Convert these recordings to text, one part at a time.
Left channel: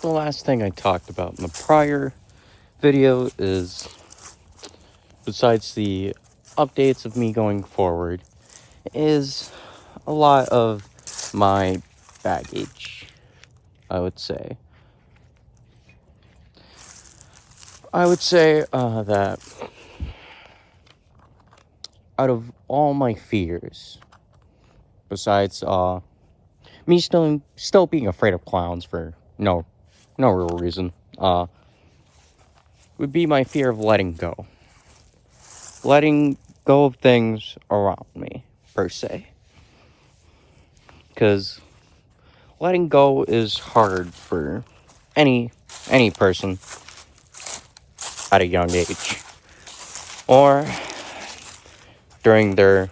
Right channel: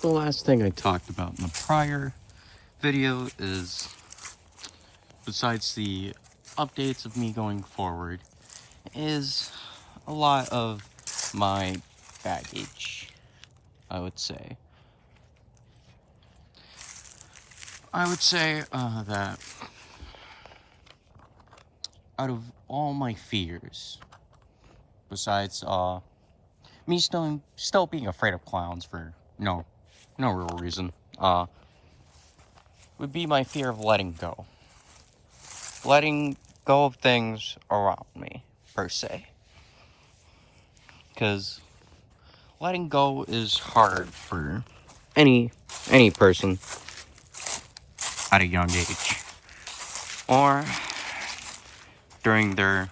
the last thing I talked about in the prior video is, besides the updates of me going forward, is a lot of my baggage, I would say. That out of all my fears, besides me still being afraid of clowns for no real reason, would be my fear of letting go. Letting go of things around me, per se. Because letting go is hard for any person at a young age, or during their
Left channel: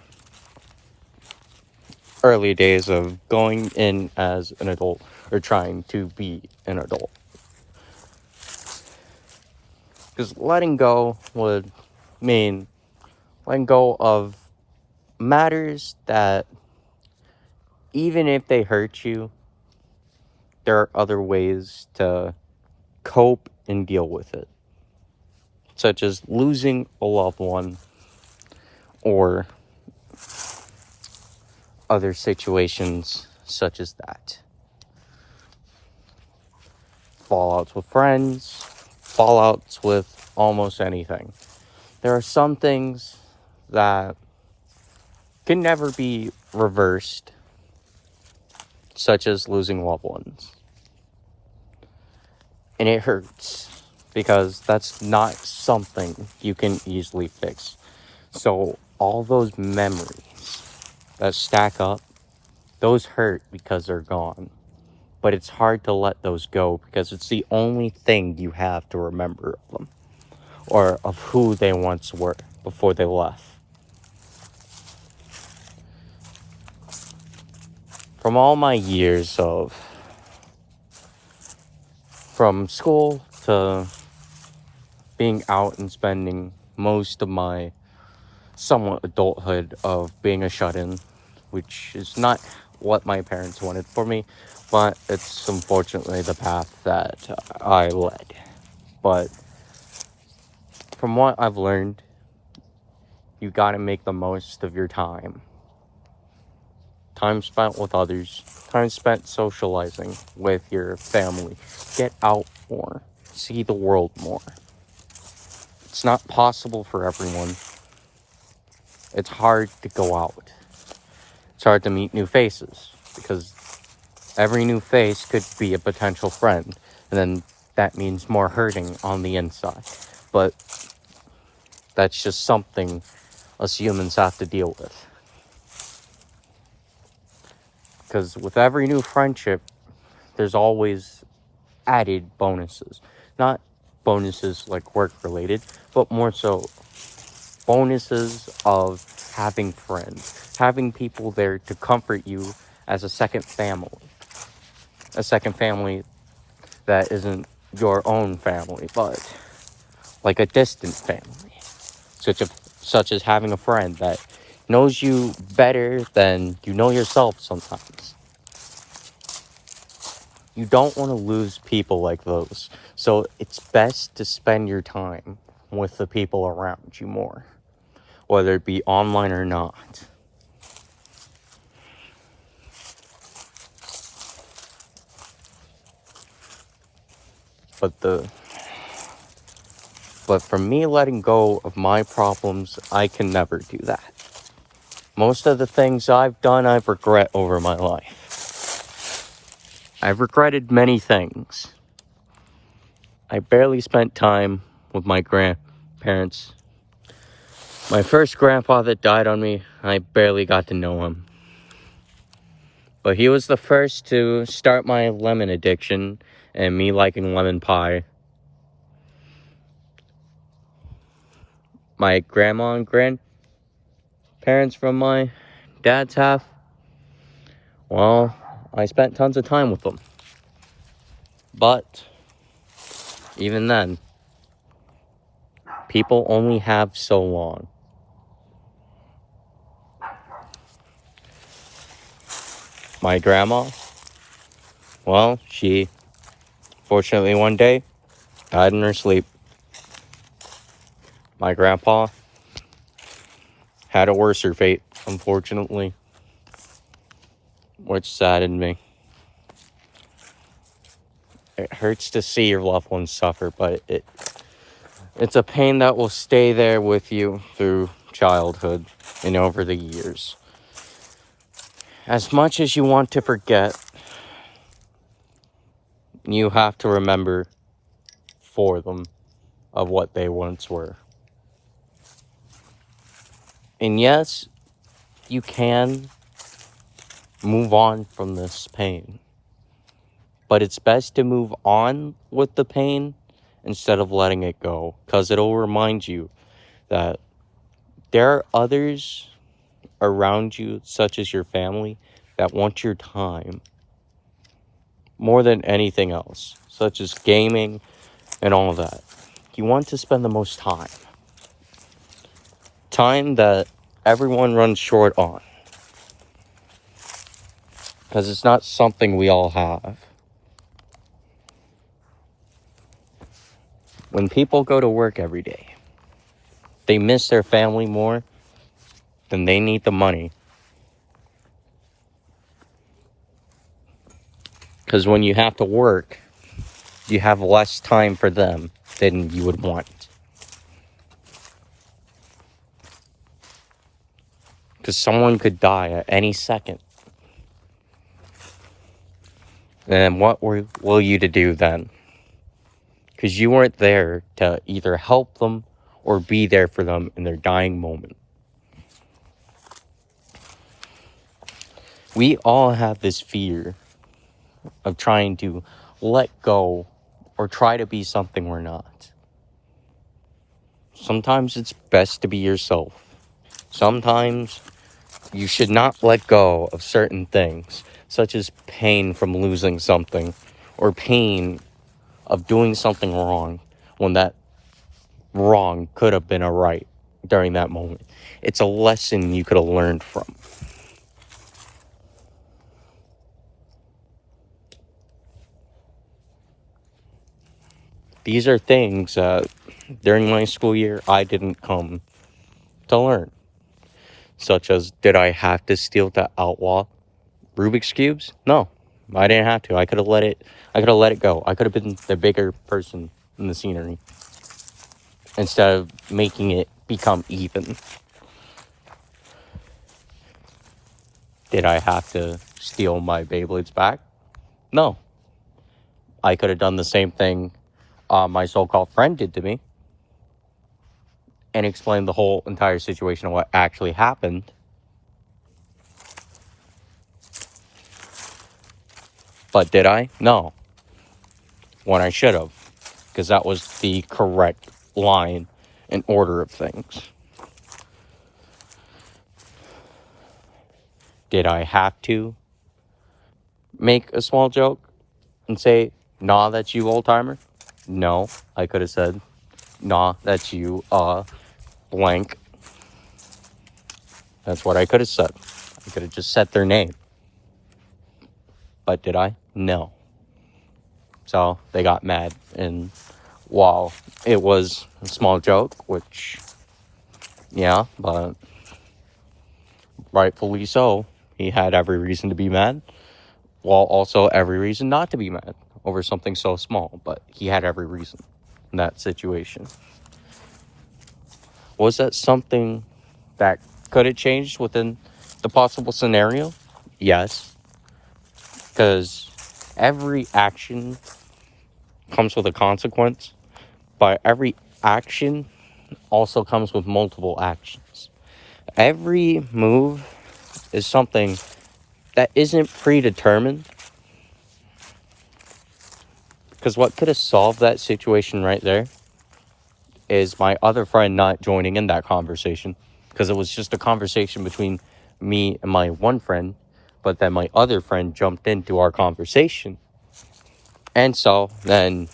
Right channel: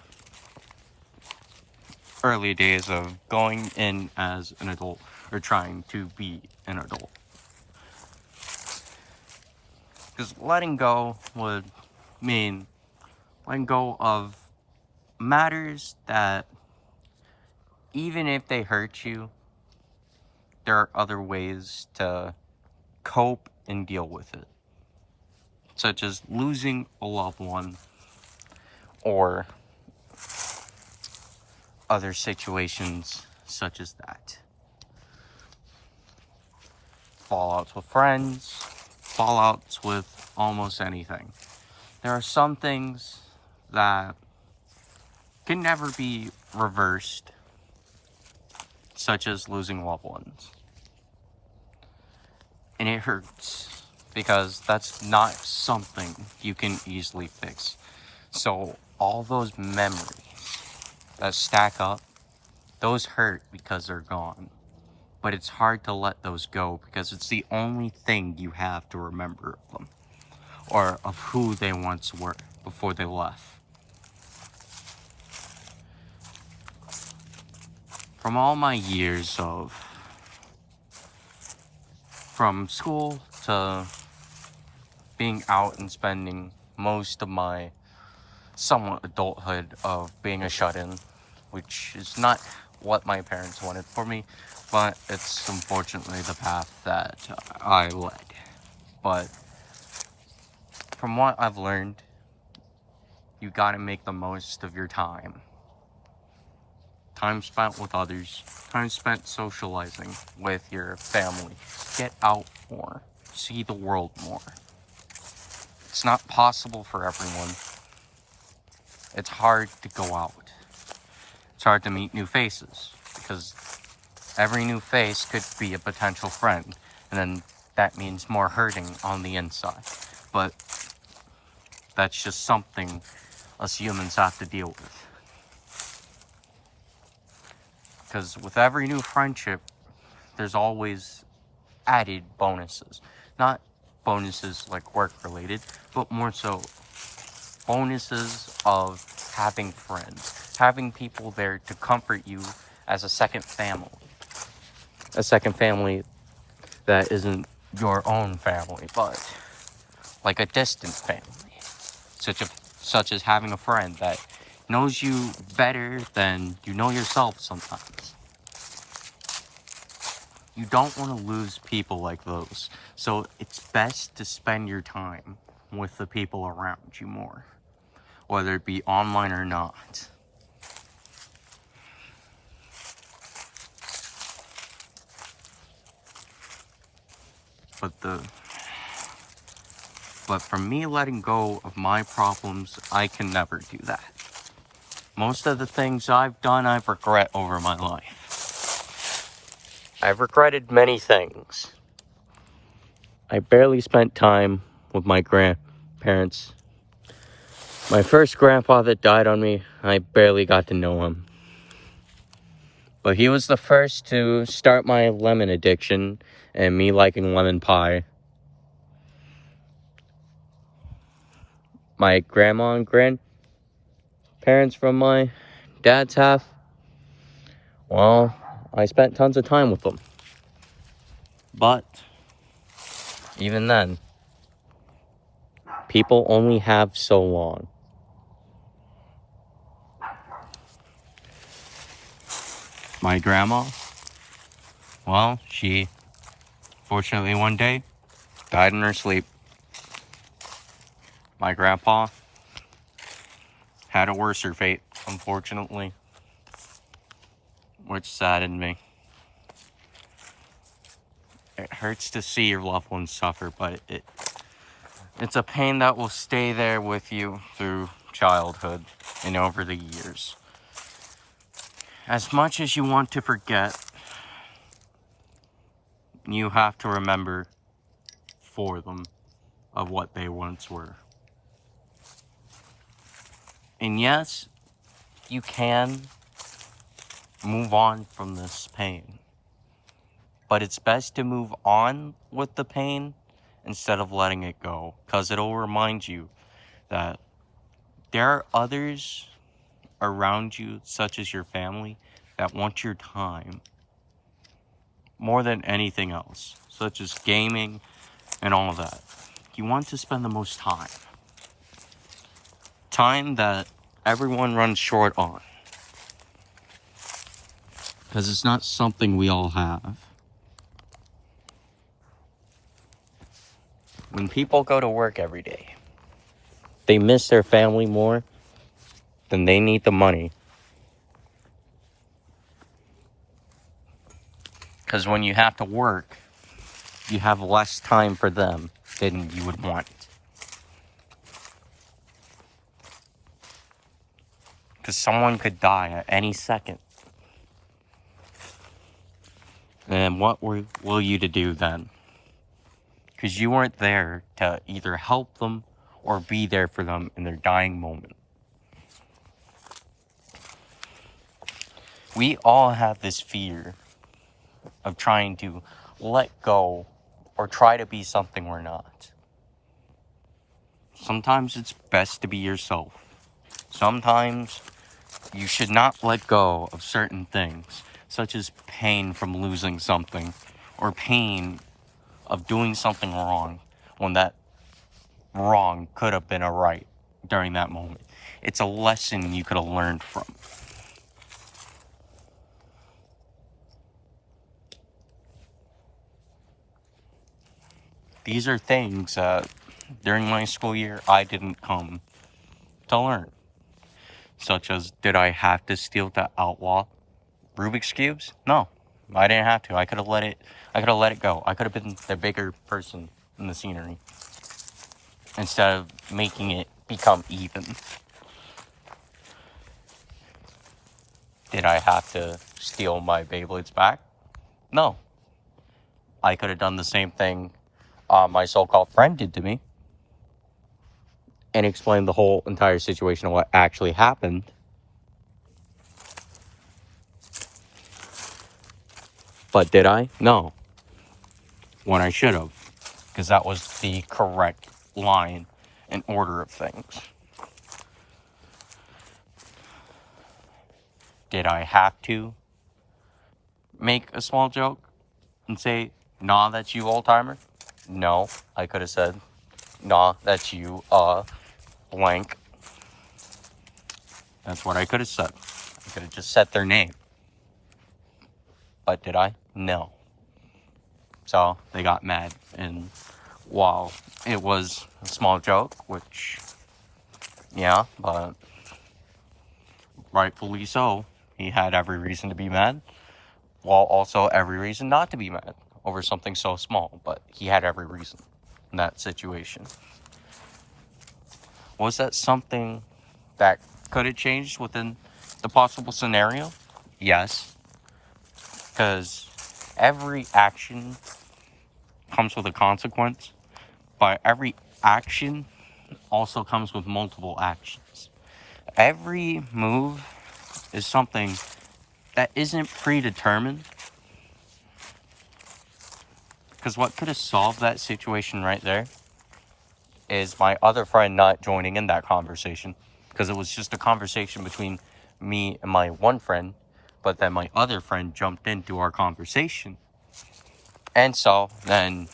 early days of going in as an adult or trying to be an adult. Because letting go would mean letting go of matters that, even if they hurt you, there are other ways to cope and deal with it, such as losing a loved one or other situations such as that. Fallouts with friends, fallouts with almost anything. There are some things that can never be reversed, such as losing loved ones. And it hurts, because that's not something you can easily fix. So all those memories that stack up, those hurt because they're gone. But it's hard to let those go, because it's the only thing you have to remember of them, or of who they once were before they left. From all my years from school to being out and spending most of my somewhat adulthood of being a shut-in, which is not what my parents wanted for me, but it's unfortunately the path that I led. But from what I've learned, you gotta make the most of your time. Time spent with others, time spent socializing with your family. Get out more, see the world more. It's not possible for everyone. It's hard to go out. It's hard to meet new faces, because every new face could be a potential friend, and then that means more hurting on the inside. But that's just something us humans have to deal with. Because with every new friendship, there's always added bonuses. Not bonuses like work related, but more so bonuses of having friends, having people there to comfort you as a second family. A second family that isn't your own family, but like a distant family. Such as having a friend that knows you better than you know yourself sometimes. You don't want to lose people like those. So it's best to spend your time with the people around you more, whether it be online or not. But for me letting go of my problems, I can never do that. Most of the things I've done, I've regret over my life. I've regretted many things. I barely spent time with my grandparents. My first grandfather died on me. I barely got to know him. But he was the first to start my lemon addiction and me liking lemon pie. My grandma and grandparents from my dad's half, well, I spent tons of time with them. But even then, people only have so long. My grandma, well, she Fortunately, one day, died in her sleep. My grandpa had a worser fate, unfortunately, which saddened me. It hurts to see your loved ones suffer, but it's a pain that will stay there with you through childhood and over the years. As much as you want to forget, you have to remember for them of what they once were. And yes, you can move on from this pain, but it's best to move on with the pain instead of letting it go, because it'll remind you that there are others around you, such as your family, that want your time more than anything else, such as gaming and all of that. You want to spend the most time that everyone runs short on, because it's not something we all have. When people go to work every day, they miss their family more than they need the money. Because when you have to work, you have less time for them than you would want. Because someone could die at any second. And what will you to do then? Because you weren't there to either help them or be there for them in their dying moment. We all have this fear of trying to let go or try to be something we're not. Sometimes it's best to be yourself. Sometimes you should not let go of certain things, such as pain from losing something or pain of doing something wrong when that wrong could have been a right during that moment. It's a lesson you could have learned from. These are things that during my school year I didn't come to learn. Such as, did I have to steal to outlaw Rubik's Cubes? No, I didn't have to. I could have let it go. I could have been the bigger person in the scenery instead of making it become even. Did I have to steal my Beyblades back? No. I could have done the same thing my so-called friend did to me and explained the whole entire situation of what actually happened. But did I? No. When I should have. Because that was the correct line and order of things. Did I have to make a small joke and say, nah, that's you, old timer? No. I could have said, nah, that's you, blank. That's what I could have said. I could have just said their name. But did I? No. So they got mad. And while it was a small joke, which, yeah, but rightfully so, he had every reason to be mad, while also every reason not to be mad over something so small. But he had every reason in that situation. Was that something that could have changed within the possible scenario? Yes. Because every action comes with a consequence, but every action also comes with multiple actions. Every move is something that isn't predetermined. Because what could have solved that situation right there is my other friend not joining in that conversation. Because it was just a conversation between me and my one friend, but then my other friend jumped into our conversation. And so then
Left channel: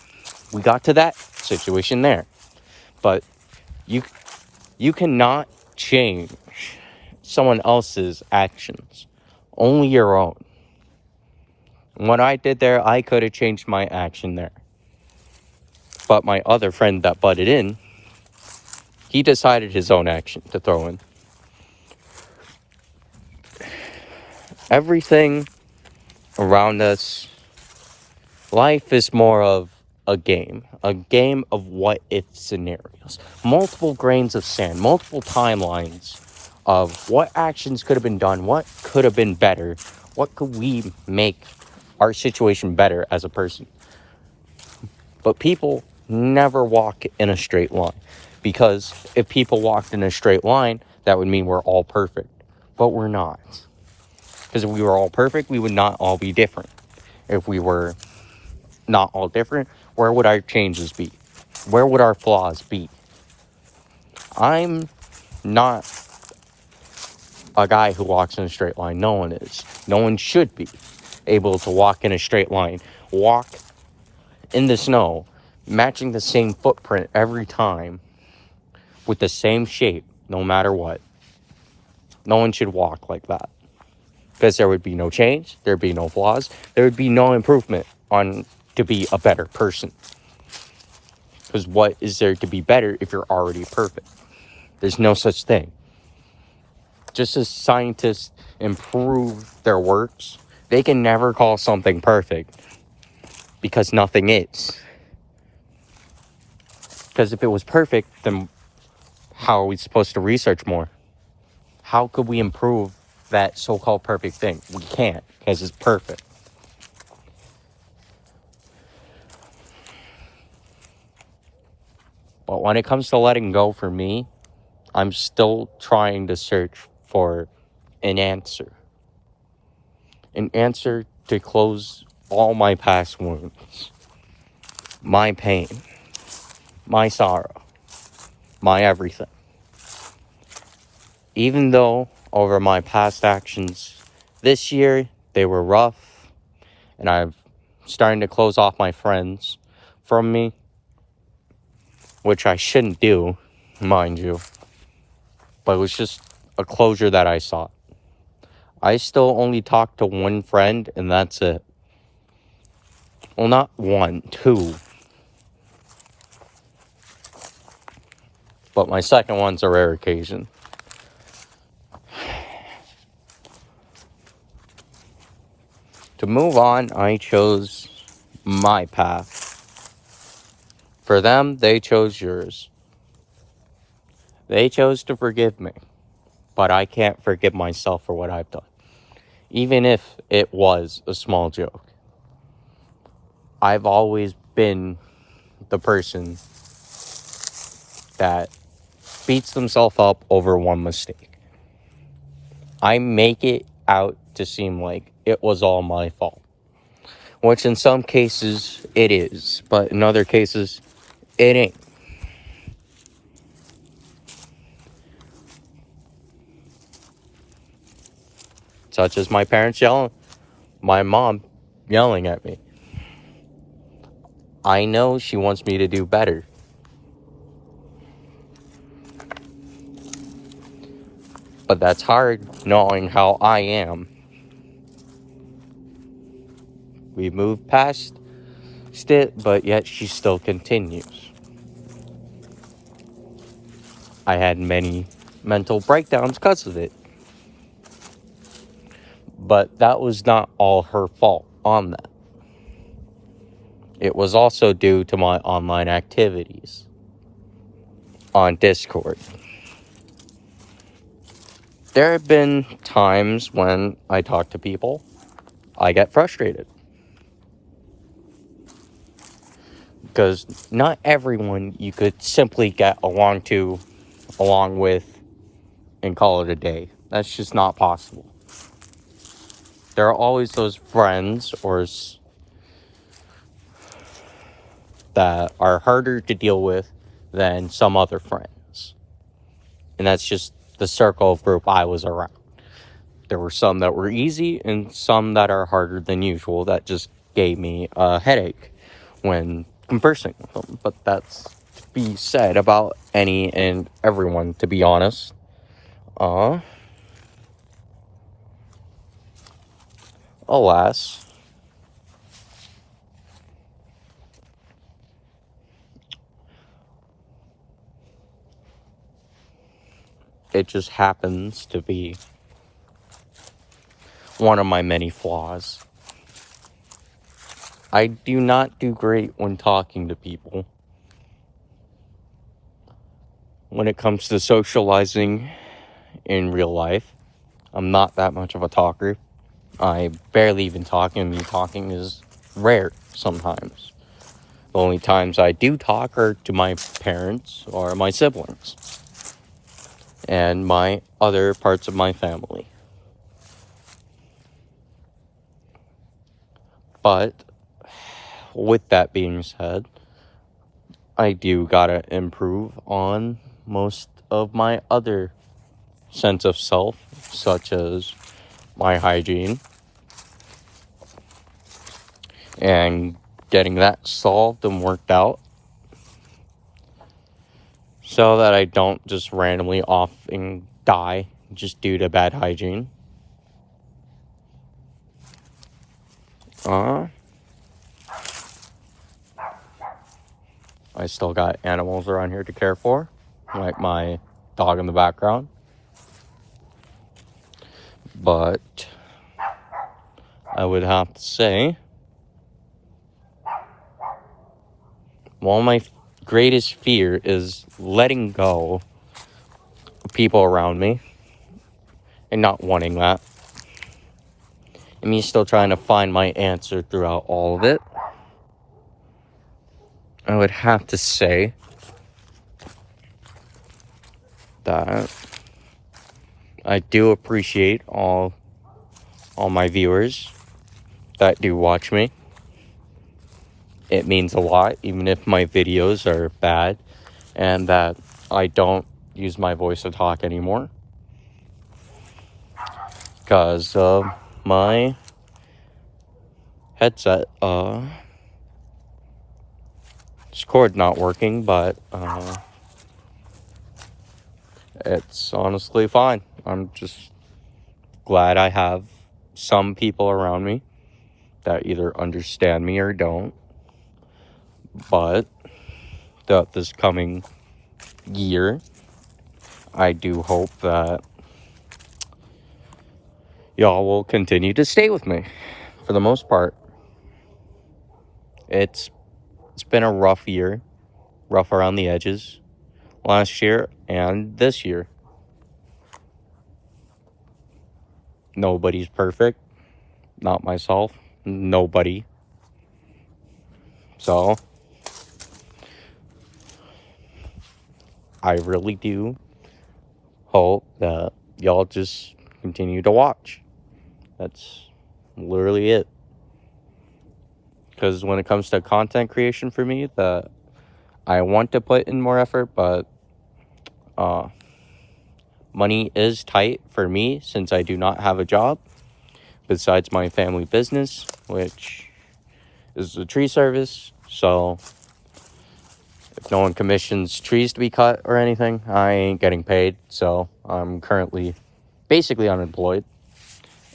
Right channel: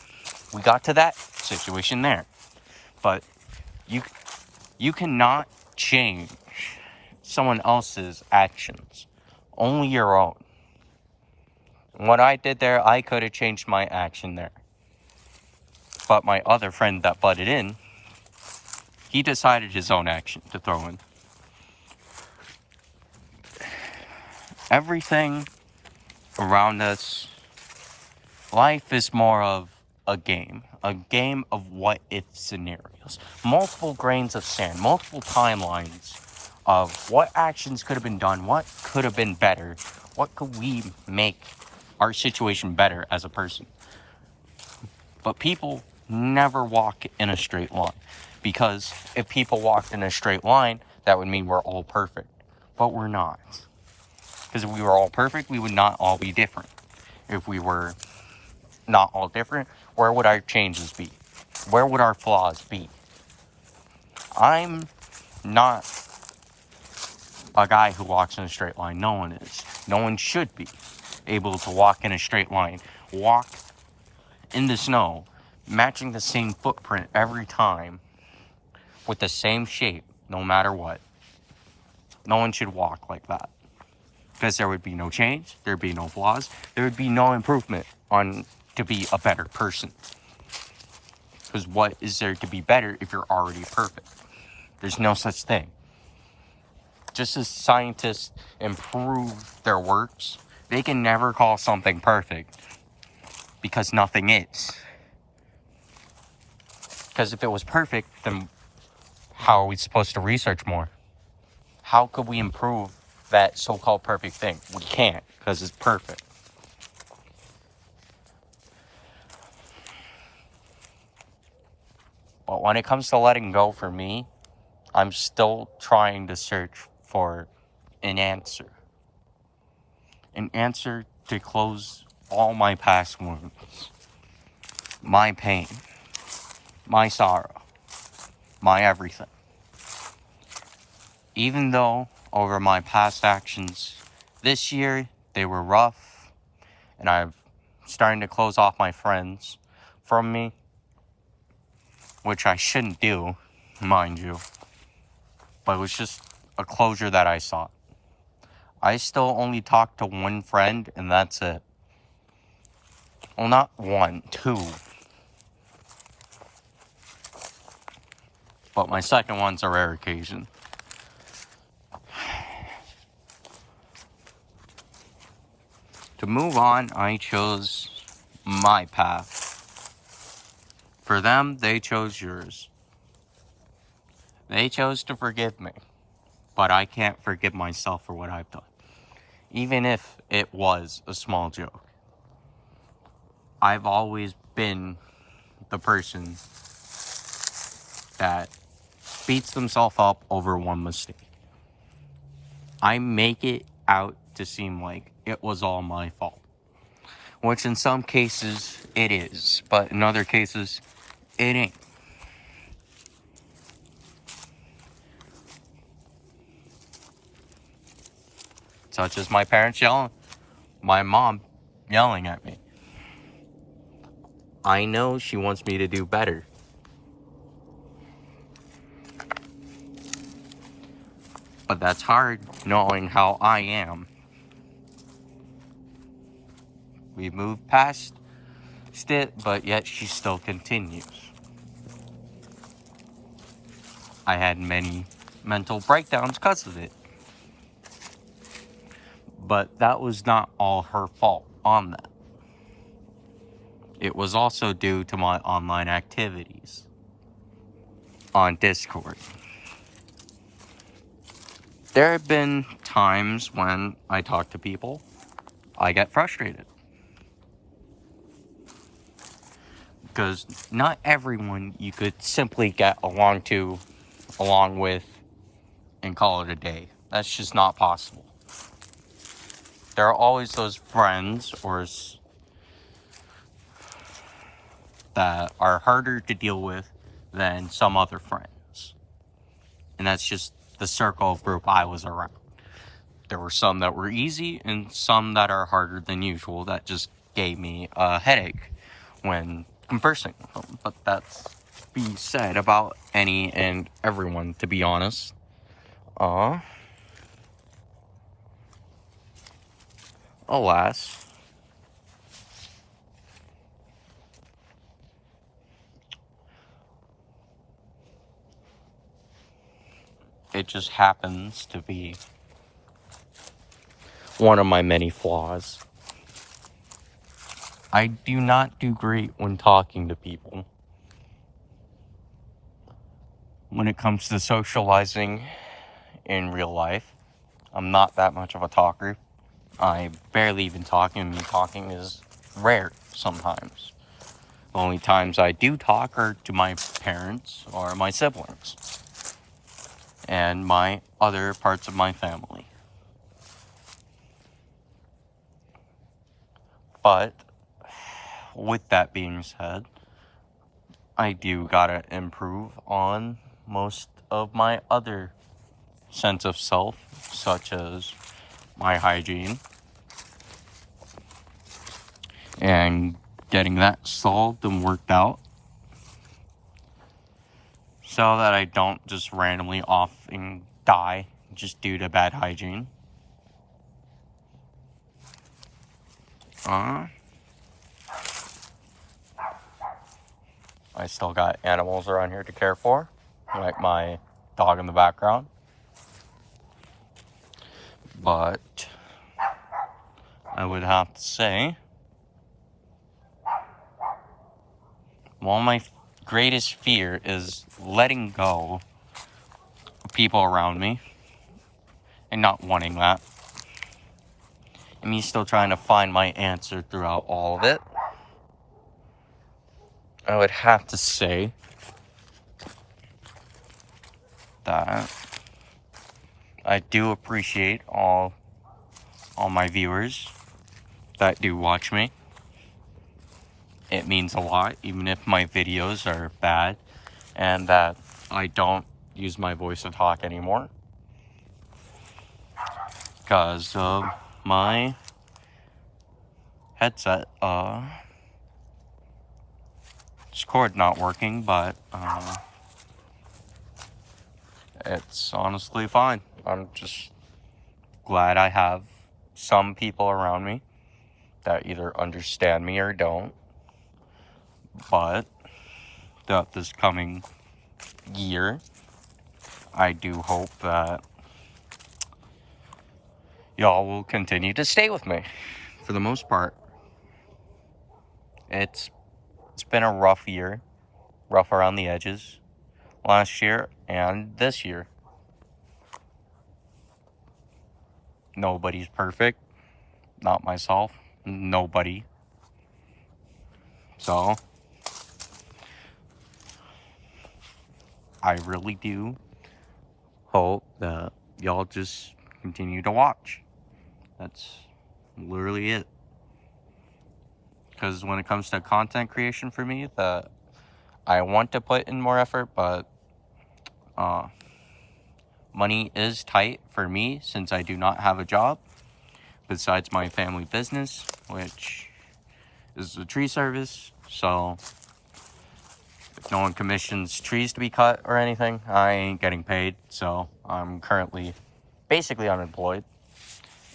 we got to that situation there. But you cannot change someone else's actions, only your own. And what I did there, I could have changed my action there. But my other friend that butted in, he decided his own action to throw in. Everything around us, life is more of a game of what if scenarios. Multiple grains of sand, multiple timelines of what actions could have been done, what could have been better, what could we make our situation better as a person. But people never walk in a straight line, because if people walked in a straight line, that would mean we're all perfect. But we're not. Because if we were all perfect, we would not all be different. If we were not all different, where would our changes be? Where would our flaws be? I'm not a guy who walks in a straight line. No one is. No one should be able to walk in a straight line. Walk in the snow, matching the same footprint every time, with the same shape, no matter what. No one should walk like that. Because there would be no change, there'd be no flaws, there would be no improvement on to be a better person. Because what is there to be better if you're already perfect? There's no such thing. Just as scientists improve their works, they can never call something perfect, because nothing is. Because if it was perfect, then how are we supposed to research more? How could we improve that so-called perfect thing? We can't, because it's perfect. But when it comes to letting go, for me, I'm still trying to search for an answer. An answer to close all my past wounds. My pain. My sorrow. My everything. Even though over my past actions this year, they were rough, and I'm starting to close off my friends from me, which I shouldn't do, mind you, but it was just a closure that I sought. I still only talk to one friend, and that's it. Well, not one, two. But my second one's a rare occasion. To move on, I chose my path. For them, they chose yours. They chose to forgive me, but I can't forgive myself for what I've done, even if it was a small joke. I've always been the person that beats themselves up over one mistake. I make it out to seem like it was all my fault, which in some cases it is, but in other cases it ain't. Such as my parents yelling, my mom yelling at me. I know she wants me to do better. But that's hard, knowing how I am. We moved past it, but yet she still continues. I had many mental breakdowns because of it. But that was not all her fault on that. It was also due to my online activities on Discord. There have been times when I talk to people, I get frustrated. Because not everyone you could simply get along with, and call it a day. That's just not possible. There are always those friends that are harder to deal with than some other friends. And that's just the circle of group I was around. There were some that were easy and some that are harder than usual that just gave me a headache when conversing with them. But that's being said about any and everyone, to be honest. Alas, it just happens to be one of my many flaws. I do not do great when talking to people. When it comes to socializing in real life, I'm not that much of a talker. I barely even talk, and me talking is rare sometimes. The only times I do talk are to my parents or my siblings and my other parts of my family. But with that being said, I do gotta improve on most of my other sense of self, such as my hygiene, and getting that solved and worked out so that I don't just randomly off and die just due to bad hygiene. I still got animals around here to care for, like my dog in the background. But I would have to say, one of my greatest fear is letting go of people around me and not wanting that. And me still trying to find my answer throughout all of it. I would have to say that I do appreciate all my viewers that do watch me. It means a lot, even if my videos are bad and that I don't use my voice to talk anymore because of my headset. Discord not working, but it's honestly fine. I'm just glad I have some people around me that either understand me or don't. But this coming year, I do hope that y'all will continue to stay with me. For the most part, it's been a rough year, rough around the edges, last year and this year. Nobody's perfect, not myself, nobody. So I really do hope that y'all just continue to watch. That's literally it. Because when it comes to content creation for me, I want to put in more effort, but money is tight for me since I do not have a job besides my family business, which is a tree service. So if no one commissions trees to be cut or anything, I ain't getting paid. So I'm currently basically unemployed,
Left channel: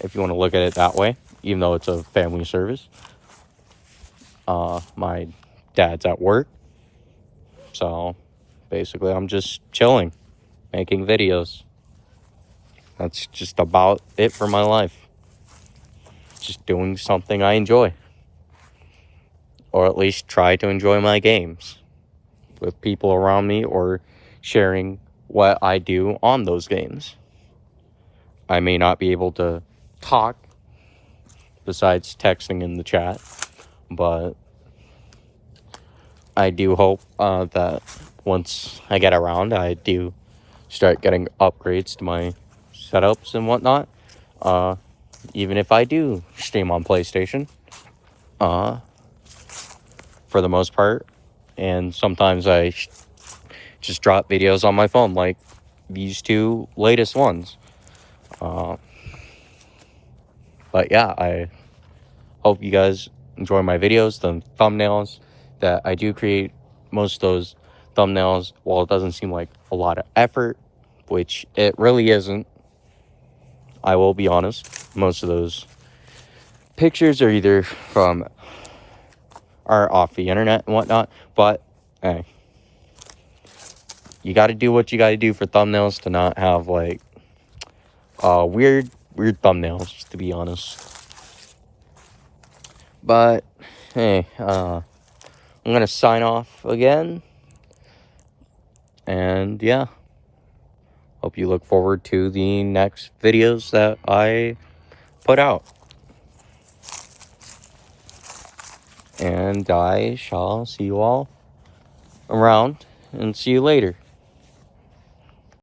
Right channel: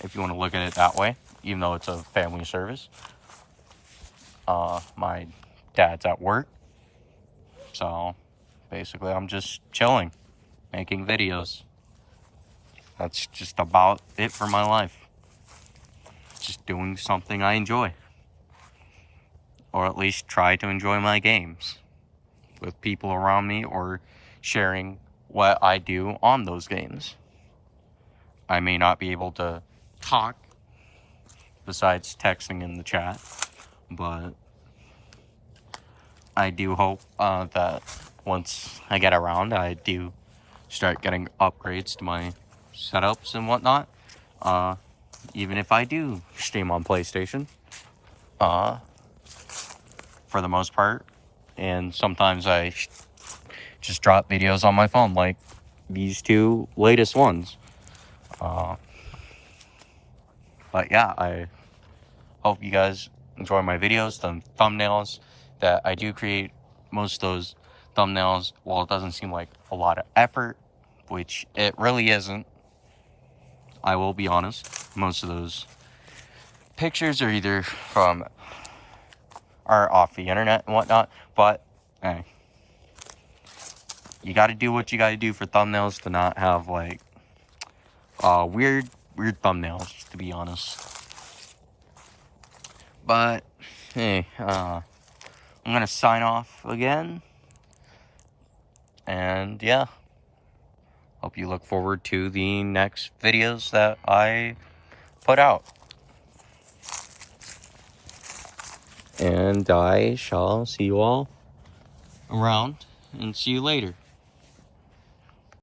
if you want to look at it that way, even though it's a family service. My dad's at work, so basically I'm just chilling, making videos. That's just about it for my life. Just doing something I enjoy, or at least try to enjoy my games with people around me, or sharing what I do on those games. I may not be able to talk besides texting in the chat, but I do hope that once I get around, I do start getting upgrades to my setups and whatnot. Even if I do stream on PlayStation, for the most part, and sometimes I just drop videos on my phone, like these two latest ones. But yeah, I hope you guys enjoy my videos, the thumbnails that I do create. Most of those thumbnails, while it doesn't seem like a lot of effort, which it really isn't, I will be honest, most of those pictures are either from or off the internet and whatnot, but hey, you got to do what you got to do for thumbnails to not have like weird thumbnails, to be honest. But hey, I'm gonna sign off again, and yeah, hope you look forward to the next videos that I put out, and I shall see you all around and see you later.